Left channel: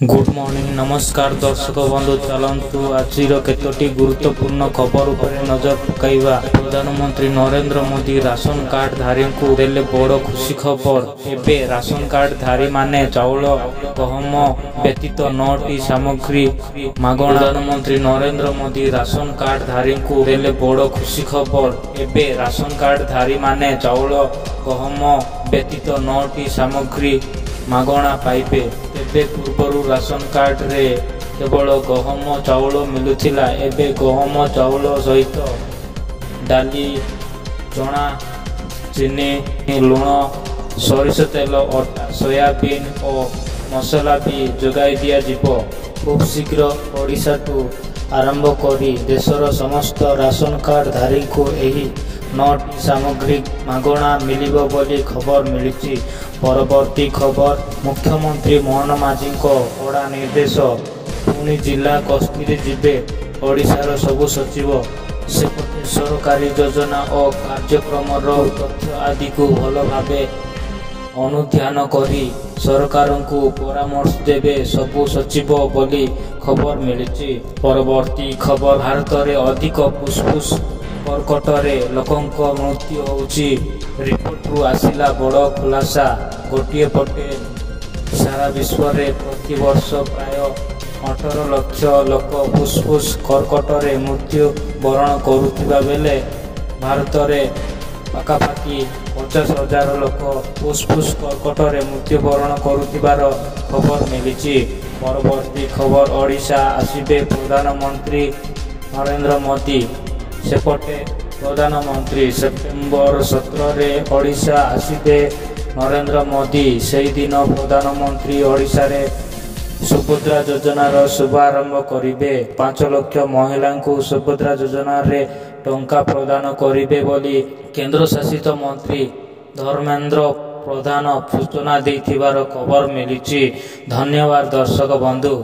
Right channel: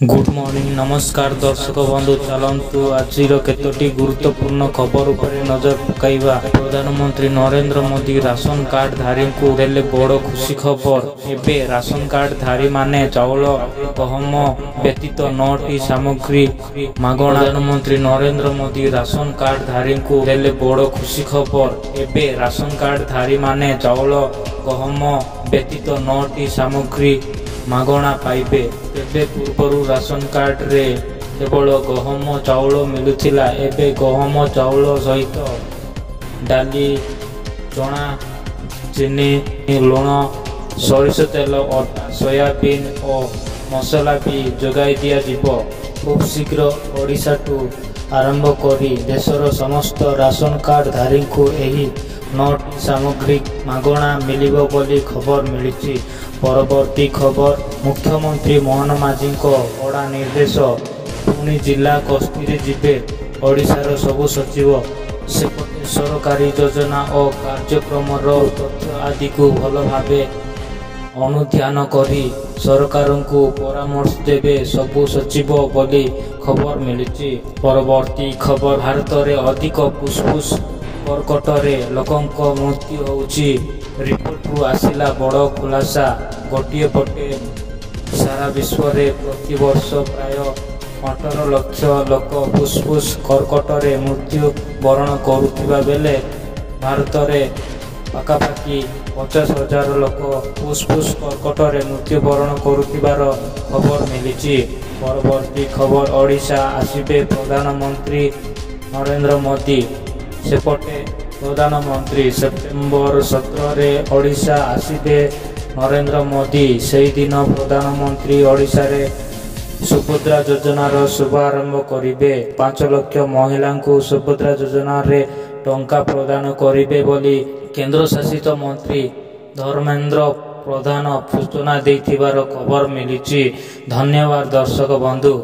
Good morning नमस्कार दर्शक बंधु चलतु आज केतोटी गुरुत्वपूर्ण खबर उपरे नजर पकाइबा। प्रधानमंत्री नरेंद्र मोदी राशन कार्ड धारी को देले बड़ खुशी खबर। एबे राशन कार्ड धारी माने चाउल गहम व्यतीत 9टी सामग्री मागणा। प्रधानमंत्री नरेंद्र मोदी राशन कार्ड धारी को देले बड़ खुशी खबर। एबे राशन कार्ड धारी माने चाउल गहम व्यतीत 9टी सामग्री मागणा पाइबे। तेबे पूर्वरु राशन कार्ड रे केवल गहम चाउल मिलुथिला। एबे गहम चाउल सहित डाली चना चीनी लुण सरिष तेल अटा सोयाबीन और मसला भी जोगाई दिया जिवो। खूब शीघ्र ओडिशा टू आरंभ करी देशर समस्त राशन कार्ड धारी को एही 9टी सामग्री मागणा मिलिबो बोली खबर मिलिछि। परवर्ती खबर मुख्यमंत्री मोहन माझी कड़ा निर्देश पुणी जिला गस्ती जिबे ओडिशार सबु सचिव। सेपटे सरकारी योजना और कार्यक्रम तथ्य आदि को भल भावे अनुध्यान करी सरकार को परामर्श देवे सबु सचिव बोली खबर मिली। परवर्ती खबर भारत में अधिक फुसफुस कर्कट रे लोकंक मृत्यु होउची। रिपोर्ट रु आसिला बड़ खुलासा। गोटे पटे सारा विश्व रे प्रति वर्ष प्राय 18 लाख लोक फुसफुस कर्कट रे मृत्यु वरण करुथिबा बेले भारत रे पाखापाखि 50,000 लोक फुसफुस कर्कट रे मृत्यु वरण करुथिबार खबर मिली। परवर्ती खबर ओडिशा आसिबे प्रधानमंत्री नरेंद्र मोदी। सेपटे प्रधानमंत्री सेप्टेम्बर 17 रे ओडिशा आसिबे नरेंद्र मोदी। सेही दिन प्रधानमंत्री ओडिशा रे सुभद्रा योजनार शुभारंभ करिबे। 5 लाख महिला को सुभद्रा योजना रे टंका प्रदान करिबे बोली केंद्र शासित मंत्री धर्मेंद्र प्रधान सूचना देथिबार खबर मिलिछि। धन्यवाद दर्शक बंधु।